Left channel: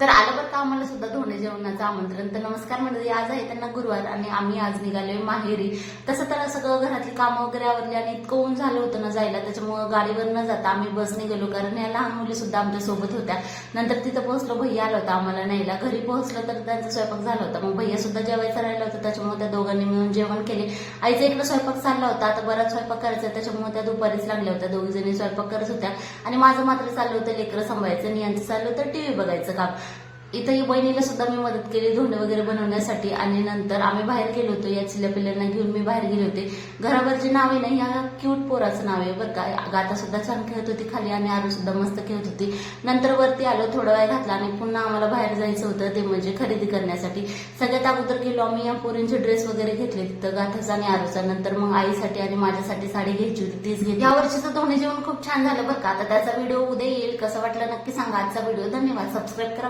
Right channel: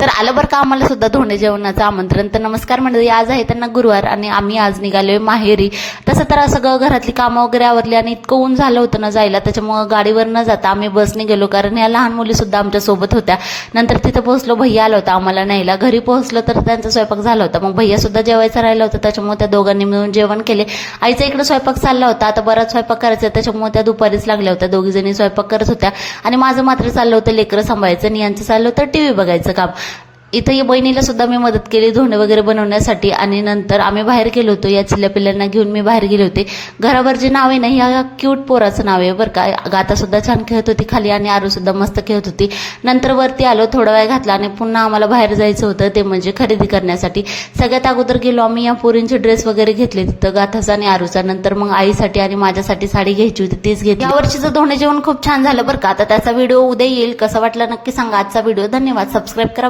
तर आलं बरं का आम्हाला सुद्धा धोंडे जेवणाचं आमंत्रण. तर नमस्कार मंडळी, आज आहे त्यांना गुरुवार आणि आम्ही आज निघालोय माहेरी. तसं तर सगळं घरातली कामं वगैरे आवरली आणि इतकं ऊन झालं होतं ना जायला, त्याच्यामुळं गाडीवर न जाता आम्ही बसने गेलो, कारण या लहान मुली सुद्धा आमच्या सोबत होत्या. नंतर तिथं पोहोचलो, भैया आला होता आम्हाला न्यायला. घरी पोहोचलो तर त्यांचा स्वयंपाक झाला होता. मग भैया सुद्धा जेवायचं राहिलं होतं, त्याच्यामुळे त्या दोघांनी मिळून जेवण केले. आईचा इकडे स्वयंपाक चालला होता, आता बराच स्वयंपाक करायचा, त्याच्यामुळे त्या दुपारीच लागल्या होत्या, दोघी जणी स्वयंपाक करत होत्या. आणि माझं मात्र चाललं होतं लेकरं सांभाळायचं आणि यांचं चाललं होतं टीव्ही बघायचं काम. इथं या बहिणीला सुद्धा मी मदत केली धोंडे वगैरे बनवण्यासाठी. आणि नंतर आम्ही बाहेर गेलो होतो, या चिल्ल्या पिल्ल्यांना घेऊन मी बाहेर गेले होते. घरावर जे नाव आहे ना, ह्या क्यूट पोराचं नाव आहे बरं का. गाता सुद्धा छान खेळत होती खाली आणि आरू सुद्धा मस्त खेळत होती. नंतर वरती आलो, थोडा वेळ घातला आणि पुन्हा आम्हाला बाहेर जायचं होतं, ते म्हणजे खरेदी करण्यासाठी. सगळ्यात अगोदर गेलो आम्ही, या पोरींचे ड्रेस वगैरे घेतले तिथं, गाथाचा आणि आरूचा. नंतर मग आईसाठी आणि माझ्यासाठी साडी घ्यायची होती, तीच घेतली. या वर्षीचं धोंडे जेवण खूप छान झालं बरं का. आता त्याचा व्हिडिओ उद्या येईल, कसा वाटला नक्की सांगा आजचा व्हिडिओ. धन्यवाद, सबस्क्राईब करा.